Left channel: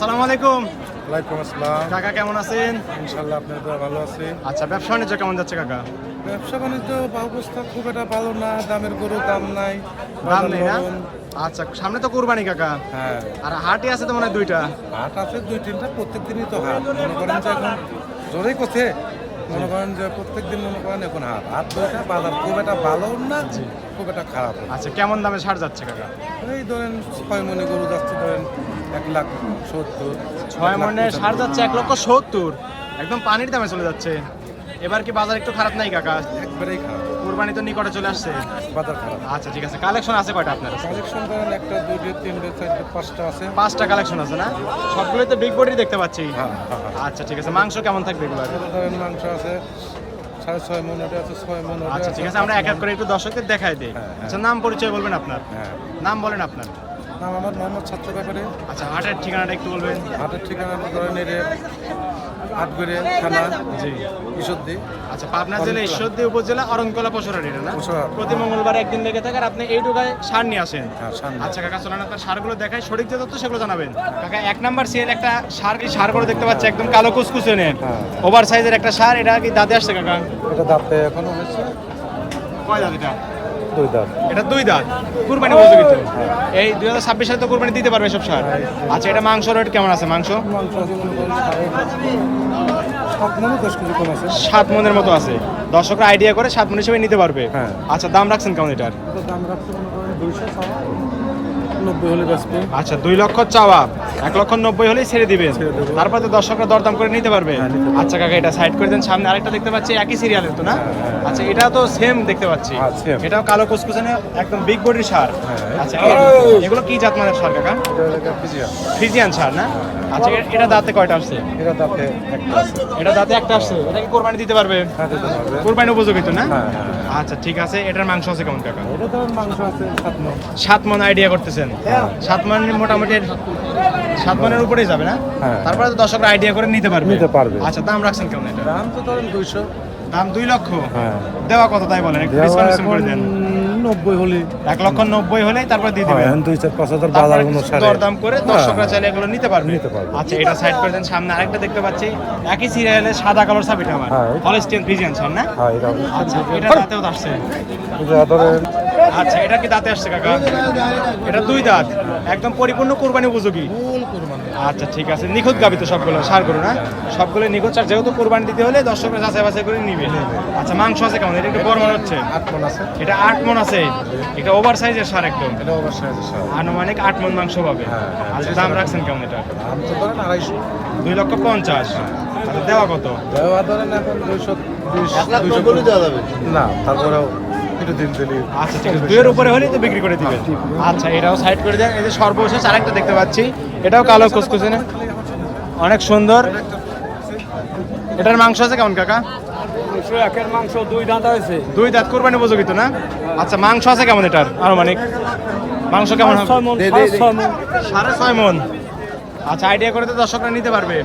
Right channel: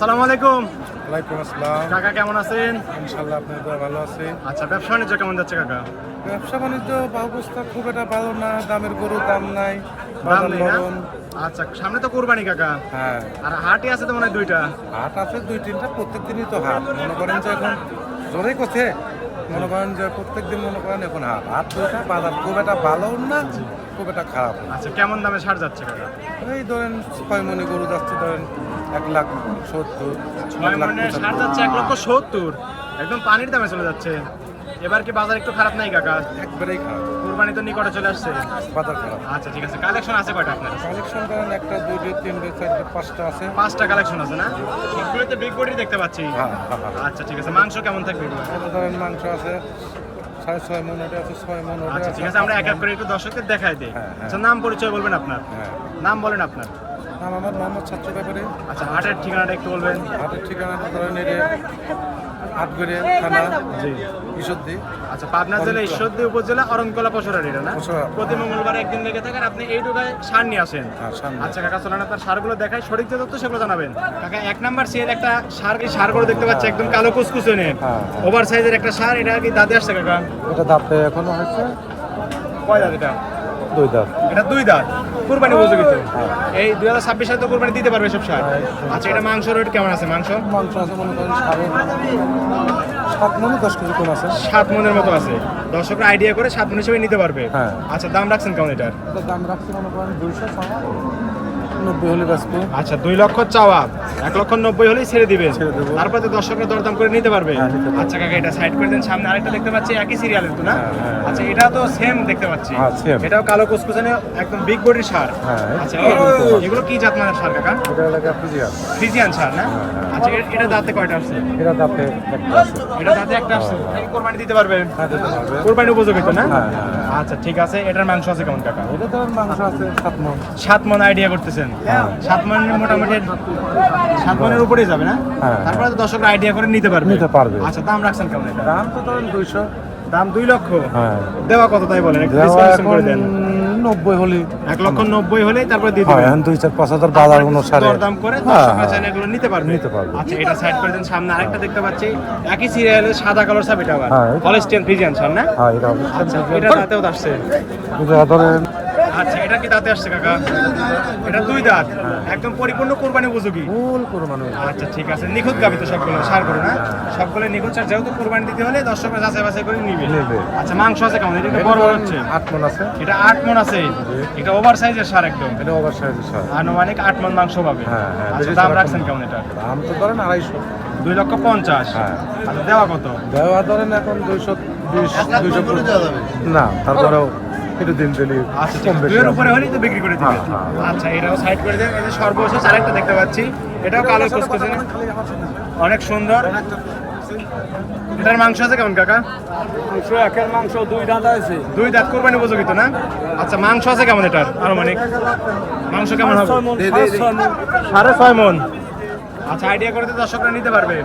আসসালামু আলাইকুম। ওয়ালাইকুম আসসালাম। কাকা কেমন আছেন? ইনশাআল্লাহ আপনার দোয়া ভালো আছে। আচ্ছা, ব্যবসা বাণিজ্য কেমন যাচ্ছে কাকা? ব্যবসা বাণিজ্য অবস্থা খুব একটা ভালো না, দামের গরু দাম নাই, দাম বাজার নেই না? নরম। আচ্ছা, সামনে তো কুরবানি কাকা, হ্যাঁ, আর হাটই আছে তো মনে হয় দুইটা। হাট আছে দুই তিনটা, প্রত্যেক দিনই তো হাট। মনে করেন যে এখন জোরেই করছে, মনে করেন যে প্রত্যেক দিন মনে করেন এখন হাট হাট দুইটা, বাজার খুব একটা ভালো না, খুব একটা খারাপ না। আচ্ছা, কেমন দামে ছাড় যাচ্ছে কাকা? এই ধরেন 6 মণি গরু যাচ্ছে ধরেন 1,70,000, 6 মনে ছাড় যাচ্ছে 1,70,000, একদম পানির দামে চলে যাচ্ছে। এবার কি বাজার একটু খারাপ নাই কাকা? একবারেই খারাপ, কুরবানি তো নিকটে চলে আসছে। বাজার খারাপ। আচ্ছা ঠিক আছে, কালেকশন আছে কয়টা আপনার? কালেকশন ধরেন 1টা 2টা 3টা 4টা 5টা আছে। 5টা কালেকশন আছে না? সবগুলো তো বিগ বডি দেখতে পাচ্ছি। হ্যাঁ হ্যাঁ হ্যাঁ। আচ্ছা ঠিক আছে, মাংস কেমন থাকবে এগুলো? এটা ধরেন মাংস আছে 6.5 মন, ওটা আছে 6 মন, ওটা আচ্ছা ঠিক আছে, আমরা এক এক করে একটু দর্শকদের দেখাই দিই। হ্যাঁ, হ্যাঁ। আচ্ছা, নাম পরিচয় বলবেন আপনার? হ্যাঁ, নাম বলেন আপনার। নাম আমার মোহাম্মদ ছাত্র ব্যাপারে। আচ্ছা, হাটের ঠিকানাটা একটু বলবেন। হাটের ঠিকানাটা ধরেন এর আটগড়ে থানা, জি। ঈশ্বরদী। আচ্ছা, পাবনা জেলা ঈশ্বরদী উপজেলা অরণকলা পশুরারিরা না? পশুরা। প্রতি মঙ্গলবার একদিন লেগে থাকে, আর আপনি এই ঢুকায় সার নিয়ে আসেন। হ্যাঁ, সামনে। আচ্ছা কাকা, চলেন আপনার সারগুলো দেখাই, সঠিক যে তথ্য সেগুলো জানাবেন। কাকা, 1 নাম্বার সিএর একটা সার করে দেখতে পাচ্ছি, একদম কালো কুচকুচে নে, হ্যাঁ। ওভার সাইজের একটা সার। এটা কি দাঁতে আসছে কাকা? এটা দাঁতে এখনো হয়েছে কয় দাঁত এটা? 2 দাঁত। এটা 2 দাঁত, কুরবানি উপযোগী তো। এই 2026 সালে তো কুরবানি দিতে পারবে সব সার। আচ্ছা, এটা মাংস রেট কেমন আছে? মাংস মাংস আছে মনে করেন 7 মনে 10 কেজি কম আছে। 7 মনের মতো আছে, দর্শকরা আইডিয়া করে 7 মন হিসেবে নিতে পারবে। হ্যাঁ। আচ্ছা, দাম রাখছেন কেমন এটার? এটা দাম রাখতে মনে করেন 290 হলে বেচবো। আচ্ছা, 2 লক্ষ চাওয়া, 1,90,000 হলেই ছেড়ে দিবেন। ছেড়ে দেবো। তারপর তো দর্শকরা দরদাম করে নিতে পারবে। হ্যাঁ, নিতে পারবে। আচ্ছা কাকা, এটা সাইড করে দেন। সামনে আরেকটা দেখতে পাচ্ছি, একই সিরিয়ালের তো না? আচ্ছা, এটা তো সেম দেখতে পাচ্ছি। হ্যাঁ, same। এটাও কালো কুচকুচানে একদম বিগ বডির সার। হ্যাঁ। আচ্ছা, এগুলো কি জাত মানের সার কাকা? এটা লাগে ফিজিয়াম। ফ্রিজিয়ান সার না? আচ্ছা, এটা দাঁতে কয়টা আসছে? এটা দাঁতে একটা আছে। এটা দাঁতে একটা আসছে। এটা কি কোরবানি দিতে পারবে? হ্যাঁ, দিতে পারবে। কোরবানি উপযোগী তো না? হ্যাঁ। আচ্ছা ঠিক আছে, এটার মাংস আছে কেমন কাকা? এটা ধরেন মাংস আছে 7 মন। 7 মন আইডিয়া করতেছেন? 7 মন মোটামুটি 7 মনের উপরেই যাবে না? হ্যাঁ। তারপরে তো দর্শকরা আইডিয়া করে নিতে পারবে। নিতে পারবে। আচ্ছা, দাম রাখছেন কেমন এটা? দাম তো ধরেন 200। দাম 2 লক্ষ। হ্যাঁ। দেওয়া কত তাই বলেন, একটু ডিসকাউন্ট করে দেন। 90 হলে 1,90,000 হলেই তারপরে দিয়ে হয়, দিবেন। এখন 2-4-5 হাজার তারপরে বাজার কিছু অনুসারে দরদাম করে দর্শকরা চাইলে এগুলো নিতে পারবে। নিতে পারবে। আচ্ছা, এটা সাইড করে দেন। সামনে আরেকটা দেখতে পাচ্ছি, একই সিরিয়ালে সাদা কালার সাপ, এটা আবার হ্যাঁ। হলস্টিয়ান ফ্রিজিয়ান সার না? হ্যাঁ, এটা আচ্ছা, এটা দাঁতেও আসছে। এটা ধরেন আচ্ছা, এটা কি দাঁতে আসছে কাকা? এটা 2 দাঁত, একদম পরিপূর্ণ কুরবানি উপযোগী। ফুল কুরবানি। আচ্ছা ঠিক আছে, নিখুঁত গাবি তো সবগুলো, সার করো না? সবগুলো নিখুঁত সার, যেহেতু কুরবানি দিতে হলে দর্শকরা যাচাই বাছাই করে নিবে। আচ্ছা, মাংস আছে কেমন? এটা একটু বড় মনে হচ্ছে। 8 মন আছে। এটা 8 মন আছে, এটা ওভার সাইজের সার একদম। এটা অবশ্যই আছে স্যার। আনুমানিক 8 মন মাংস পাবে। আচ্ছা, দাম রাখছেন কেমন এটা? দাম তো ধরেন 250। 2,50,000। আচ্ছা, দেওয়া কত? দেওয়া ধরেন এখন 220 না, তারপরেও একটু দিন দিলি। আচ্ছা ঠিক আছে, 2 এর উপরে হলেই তো বিক্রি করে দিবেন। আচ্ছা, এটাও সাইড করে দেন। এই যে সর্বশেষ আরেকটা দেখতে পাচ্ছি, এটাও কালো কুচকুচে, অনেক সুন্দর। এটার মাংস আছে কেমন কাকা? মাংস একের মাংস 2 দাঁত আছে। 2 দাঁত, কুরবানি উপযোগী তো না? আচ্ছা, মাংস আছে কেমন এটার আনুমানিক? মাংস কেমন হবে? 6 মন, 6.5 মন। 6.5 মন। আচ্ছা, আইডিয়া করে তো দর্শকরা নিতে পারবে।